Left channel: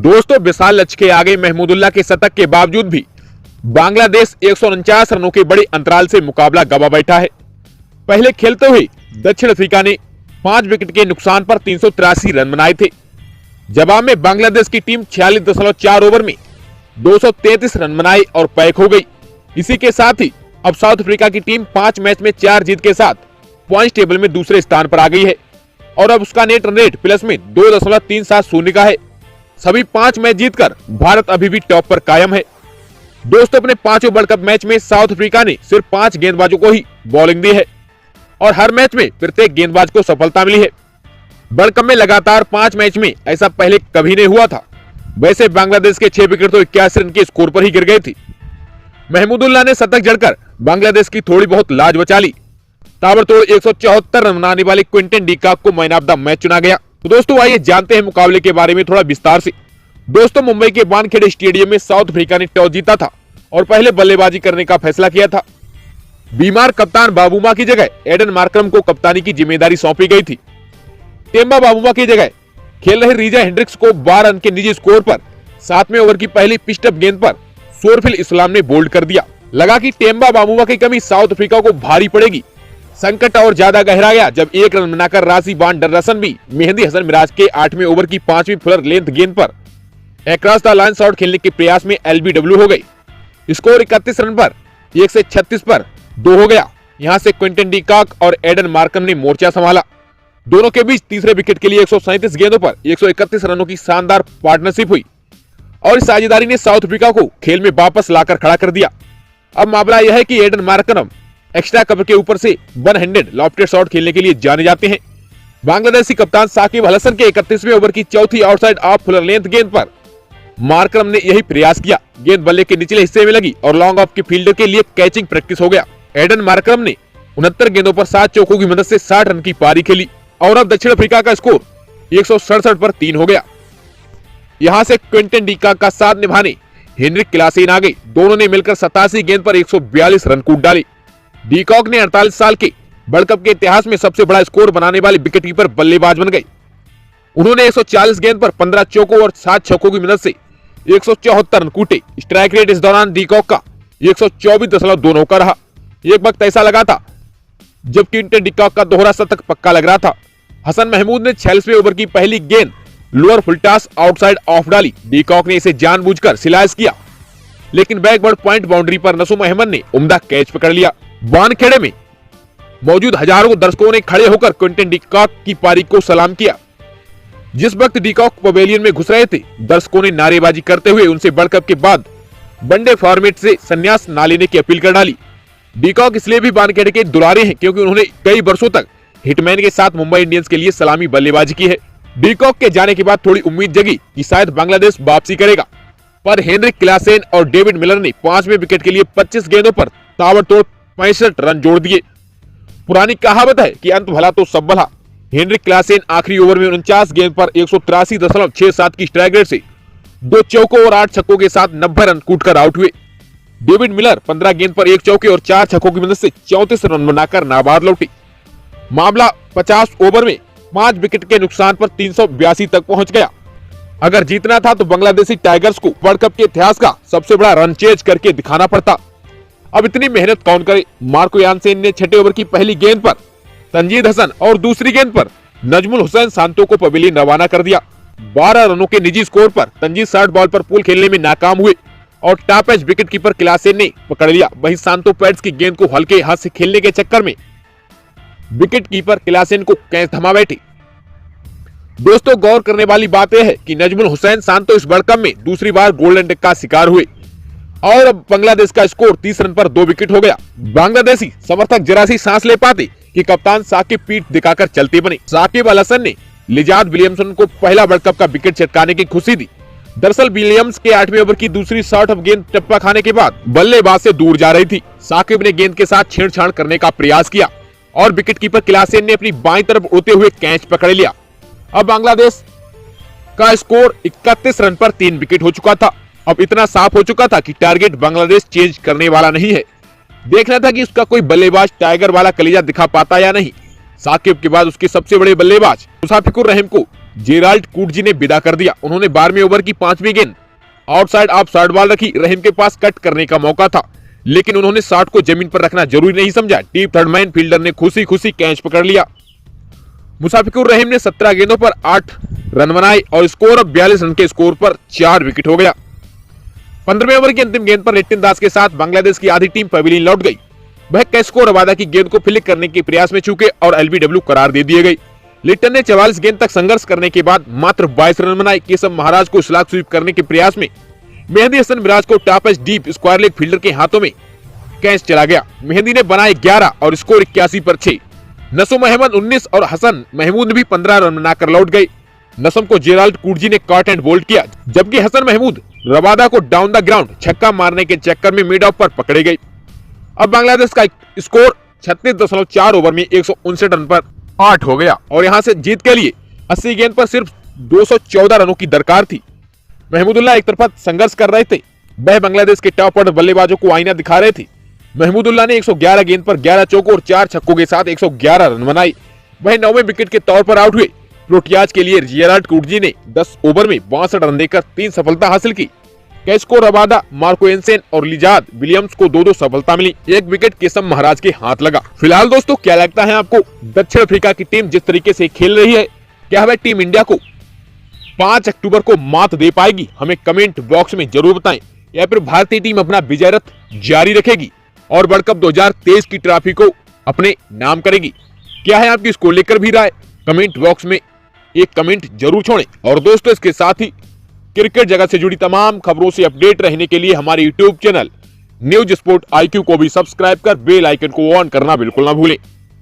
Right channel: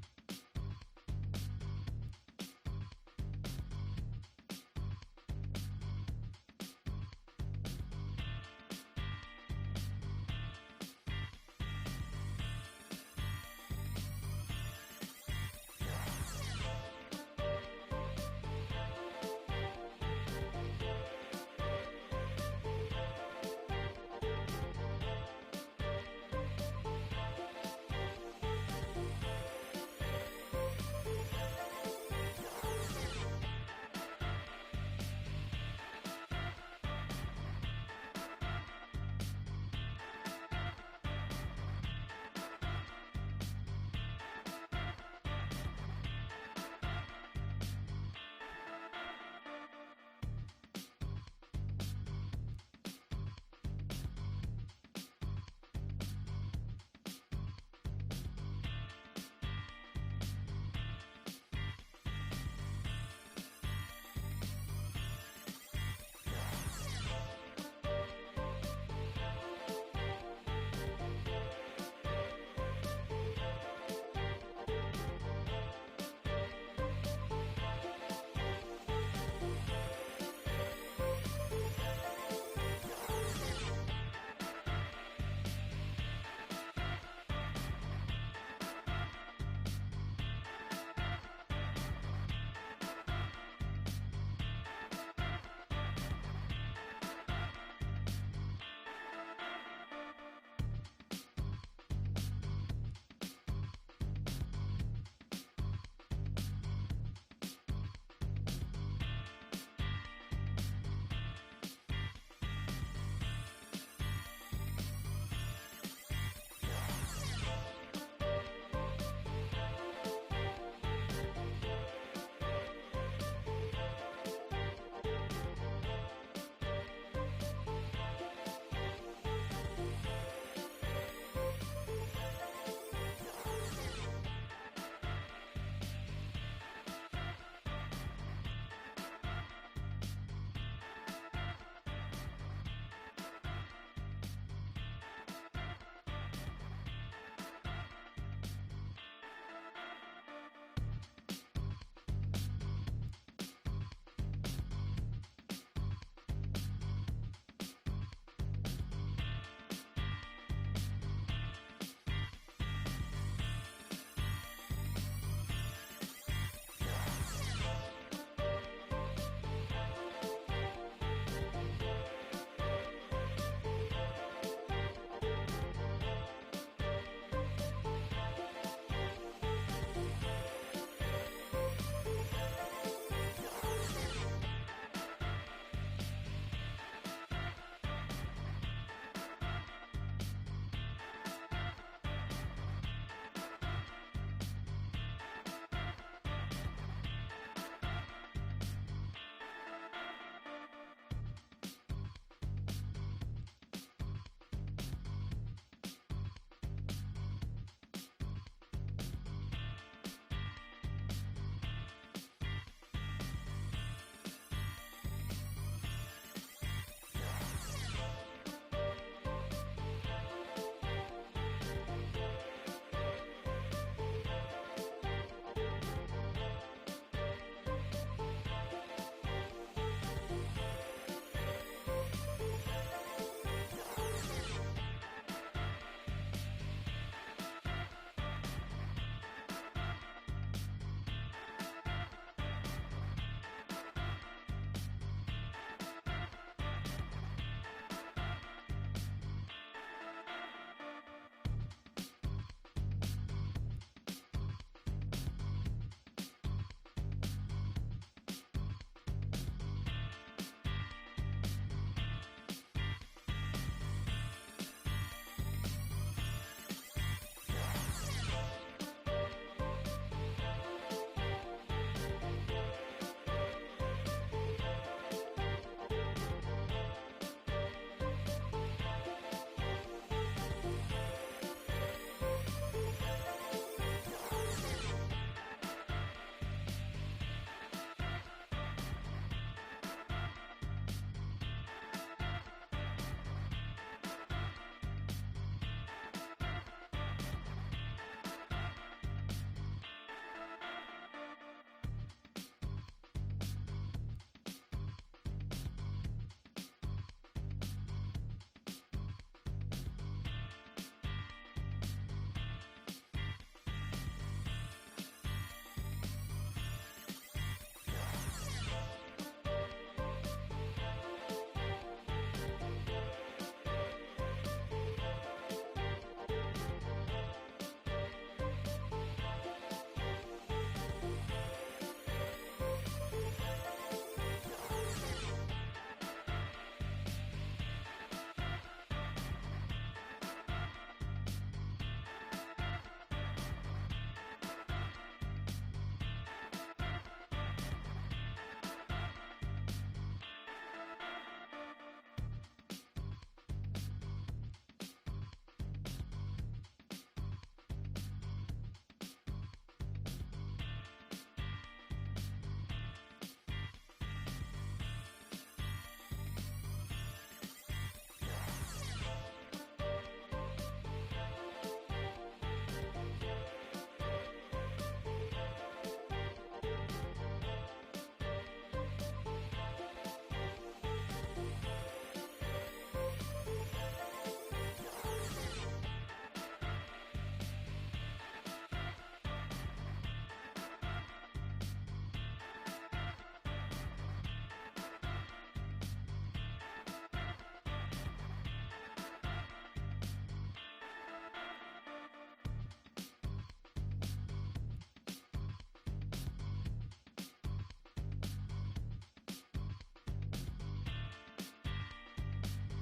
दोस्तों, विशाल लक्ष्य के आगे महमूदुल्लाह के शतक के बावजूद भी बांग्लादेश 149 रनों के बड़े अंतराल से मुकाबला गंवा बैठा है। पहले खेलते हुए दक्षिण अफ्रीका ने 5 विकेट के नुकसान पर 383 रन बनाए थे। जवाब में बांग्लादेश की टीम 46.4 ओवर में 233 रन बनाए और पैक हो गई। इसी के साथ ही अब साउथ अफ्रीका की टीम 5 मैच में 4 जीत के साथ पॉइंट टेबल में दूसरे स्थान पर आ गई है और अब उसका नेट रन रेट प्लस में 2.370 का है। सभी 5 मैच जीतकर भारत अभी भी टॉप पर कायम है। दोस्तों, अपने 5वें वर्ल्ड कप मैच में साउथ अफ्रीका ने सिर्फ 5 गेंदबाजों को ही बॉलिंग दी है और हर मैच में प्रत्येक गेंदबाज को सफलता मिली है। वर्ल्ड कप में लगातार 5 मैच में ऐसा पहले कभी नहीं हुआ था। वैसे बांग्लादेश के 6 विकेट तो 81 रन के स्कोर पर ही गिर गए थे। महमूदुल्लाह ने शतक जड़कर बांग्लादेश की थोड़ी बहुत लाज बचा ली। ताबड़तोड़ 174 रन बनाने वाले क्विंटन डी कॉक को मैन ऑफ द मैच चुना गया। तो दोस्तों, आइए जानते हैं मुकाबले के बारे में थोड़ा विस्तार से। दोस्तों, मुंबई के वानखेड़े स्टेडियम में साउथ अफ्रीका ने टॉस जीता था और पहले बल्लेबाजी करने का फैसला किया था। बीमार कप्तान बाबूमा की जगह एडन मार्करम को कप्तानी की जिम्मेदारी सौंपी गई थी। टेम्बा बाबूमा की जगह खेल रहे रीजा हेंड्रिक्स को 12 रन के निजी स्कोर पर 7वें ओवर की पहली पिस्टअप गेंद पर सोरफिल इस्लाम ने बोल्ड कर दिया। लगा कि टेम्बा बाबूमा की कमी साउथ अफ्रीका को भारी पड़ेगी। संकट और ज्यादा गहरा गया जब 1 रन बनाकर रासी बान डरसन भी मेहंदी हसन मिराज के 8वें ओवर की 5वीं फुलर लेंथ गेंद पर अक्रॉस द लाइन शॉट खेलने के प्रयास में एलबीडब्ल्यू हो गई। स्कोर 31 रन पर 1 से 36 पर 2 हो गया। यहां से क्विंटन डी कॉक और एडन मार्करम ने मोर्चा संभाला। दोनों के बीच तीसरे विकेट के लिए 137 गेंदों पर 131 रनों की शानदार पार्टनरशिप हुई और इस साझेदारी ने साउथ अफ्रीका को खेल में वापस लाकर खड़ा कर दिया। अब मामला यह है कि एडन मार्करम एक्स्ट्रा कवर के ऊपर से 1 हैंडेड लॉफ्टेड शॉट खेलने के लिए जाने जाते हैं। बांग्लादेशी कप्तान साकिब अल हसन के 31वें ओवर की चौथी आउटसाइड ऑफ फुलर लेंथ गेंद पर मार्करम ने यही प्रयास किया। गेंद बल्ले के निचले हिस्से में लगी और लॉन्ग ऑफ के फील्डर के लिए कैचिंग प्रैक्टिस हो गया। एडन मार्करम ने 69 गेंदों पर 7 चौकों की मदद से 60 रन की पारी खेली और अब दक्षिण अफ्रीका का स्कोर 167 पर 3 हो गया। यहां से क्विंटन डी कॉक का साथ निभाने हेनरिक क्लासेन आ गई। दोनों ने मिलकर 87 गेंद पर 142 रन कूद डाले। डी कॉक ने 48 साल के वर्ल्ड कप के इतिहास में सबसे बड़ा स्कोर बनाने वाले विकेटकीपर बल्लेबाज बन गए। उन्होंने 140 गेंद पर 15 चौकों और 7 छक्कों की मदद से 174 रन कूटे। स्ट्राइक रेट इस दौरान डी कॉक का 124.29 का रहा। एक वक्त ऐसा लगा था जब क्विंटन डी कॉक का दोहरा शतक पक्का लग रहा था। हसन महमूद ने 46वें ओवर की पहली गेंद लोअर फुलटास आउटसाइड ऑफ डाली। डी कॉक ने इसे जानबूझकर स्लाइस किया, लेकिन बैकवर्ड पॉइंट बाउंड्री पर नसूम अहमद ने उम्दा कैच पकड़ लिया। वानखेड़े में मौजूद हजारों दर्शकों ने खड़े होकर क्विंटन डी कॉक की पारी को सलाम किया। जिस वक्त डी कॉक पवेलियन में घुस रहे थे, दर्शकों ने नारेबाजी करते हुए उनसे वर्ल्ड कप के बाद वनडे फॉर्मेट से संन्यास न लेने की अपील कर डाली। डी कॉक इसलिए भी वानखेड़े के दुलारे हैं क्योंकि उन्होंने कई वर्षों तक हिटमैन के साथ मुंबई इंडियंस के लिए सलामी बल्लेबाजी की है। डी कॉक के जाने के बाद थोड़ी उम्मीद जगी कि शायद बांग्लादेश वापसी करेगा, पर हेनरिक क्लासेन और डेविड मिलर ने 5वें विकेट के लिए 25 गेंदों पर ताबड़तोड़ 65 रन जोड़ दिए। पुरानी कहावत है कि अंत भला तो सब भला। हेनरिक क्लासेन आखिरी ओवर में 49 गेंद पर 183.67 की स्ट्राइक रेट से 2 चौकों और 8 छक्कों के साथ 90 रन कूटकर आउट हुए। डेविड मिलर 15 गेंद पर 1 चौके और 4 छक्कों की मदद से 34 रन बनाकर नाबाद लौटे। मामला 50 ओवर में 5 विकेट के नुकसान पर 382 तक पहुंच गया। अगर जीतना था तो बांग्लादेशी टाइगर्स को वर्ल्ड कप के इतिहास का सबसे बड़ा रन चेज करके दिखाना पड़ता। अब इतनी मेहनत कौन करे। मार्को यानसेन ने 6ठे ओवर की पहली गेंद पर तंजीद हसन और दूसरी गेंद पर नजमुल हुसैन सांतो को पवेलियन रवाना कर दिया। 12 रनों के निजी स्कोर पर तंजीद 60 बॉल पर पुल खेलने में नाकाम हुए और top edge wicket keeper Klaasen ने पकड़ लिया। वहीं सांतो पैड्स की गेंद को हल्के हाथ से खेलने के चक्कर में विकेट कीपर क्लासेन को कैच थमा बैठे। दोस्तों, गौर करने वाली बात यह है कि नजमुल हुसैन सांतो इस वर्ल्ड कप में दूसरी बार गोल्डन डक का शिकार हुए और अब बांग्लादेश का स्कोर 30 रन पर 2 विकेट हो गया। बांग्लादेशी समर्थक जरा सी सांस ले पाते कि कप्तान साकिब पीठ दिखाकर चलते बने। साकिब अल हसन ने लिजाद विलियमसन को पहला वर्ल्ड कप का विकेट चटकाने की खुशी दी। दरअसल विलियम्स के 8वें ओवर की दूसरी शॉट ऑफ गेंद टप्पा खाने के बाद बल्लेबाज से दूर जा रही थी। साकिब ने गेंद के साथ छेड़छाड़ करने का प्रयास किया और विकेट कीपर क्लासेन ने अपनी बाईं तरफ उड़ते हुए कैच पकड़ लिया। अब बांग्लादेश का स्कोर 31 रन पर 3 विकेट हो चुका था। अब इतना साफ हो चुका था कि टारगेट बांग्लादेश चेंज करने वाला नहीं है। देखना था कि उसका कोई बल्लेबाज टाइगर वाला कलीजा दिखा पाता या नहीं। साकिब के बाद उसके सबसे बड़े बल्लेबाज मुसाफिकुर रहीम को जेराल्ड कूटजी ने विदा कर दिया। उन्होंने 12वें ओवर की 5वीं गेंद आउटसाइड ऑफ शॉर्ट बॉल रखी। रहीम के पास कट करने का मौका था, लेकिन उन्होंने शॉट को जमीन पर रखना जरूरी नहीं समझा। टीम थर्ड मैन फील्डर ने खुशी खुशी कैच पकड़ लिया। मुशफिकुर रहीम ने 17 गेंदों पर 8 रन बनाए और स्कोर अब 42 रन के स्कोर पर 4 विकेट हो गया। 15वें ओवर की अंतिम गेंद पर लिट्टन दास के साथ बांग्लादेश की आधी टीम पवेलियन लौट गई। वह कैस्को रबादा की गेंद को फ्लिक करने के प्रयास में चूके और एलबीडब्ल्यू करार दे दिए गए। लिट्टन ने 44 गेंद तक संघर्ष करने के बाद मात्र 22 रन बनाए। केशव महाराज को स्लॉग स्वीप करने के प्रयास में मेहंदी हसन मिराज को top edge deep square leg fielder के हाथों में कैच चला गया। मेहंदी ने बनाए 11 और स्कोर 81 पर 6। नसुम अहमद 19 और हसन महमूद भी 15 रन बनाकर लौट गए। नसुम को जेराल्ड कूटजी ने कॉट एंड बोल्ड किया, जबकि हसन महमूद रबादा को डाउन द ग्राउंड छक्का मारने के चक्कर में मिड ऑफ पर पकड़े गए। अब बांग्लादेश का स्कोर 36.4 ओवर में 159 रन पर 8 हो गया और यहां से जीत के लिए 80 गेंद पर सिर्फ 214 रनों की दरकार थी। महमूदुल्लाह एक तरफा संघर्ष कर रहे थे, वह बांग्लादेश के टॉप ऑर्डर बल्लेबाजों को आईना दिखा रहे थे। महमूदुल्लाह ने 111 गेंद पर 11 चौकों और 4 छक्कों के साथ 111 रन बनाए। वह 9वें विकेट के तौर पर आउट हुए। प्रोटियाज के लिए जेराल्ड कूटजी ने 10 ओवर में 62 रन देकर 3 सफलता हासिल की। कैस्को रबादा, मार्को एंसेन और लिजाद विलियम्स को 2-2 सफलता मिली। 1 विकेट केशव महाराज के हाथ लगा। फिलहाल दोस्तों, क्या लगता है आपको दक्षिण अफ्रीका की टीम जिस तरीके से खेल रही है, क्या वह टीम इंडिया को 5 अक्टूबर को मात दे पाएगी? हमें कमेंट बॉक्स में जरूर बताएं। या फिर भारतीय टीम अपना विजय रथ जारी रखेगी और वर्ल्ड कप 2023 की ट्रॉफी को अपने नाम करेगी? क्या है आपकी इसको लेकर भी राय? कमेंट बॉक्स में एक कमेंट जरूर छोड़ें। और दोस्तों, इसके साथ ही क्रिकेट जगत से जुड़ी तमाम खबरों से अपडेट रहने के लिए हमारे YouTube channel news sport IQ को भी सब्सक्राइब कर बेल आइकन को ऑन करना बिल्कुल ना भूलें।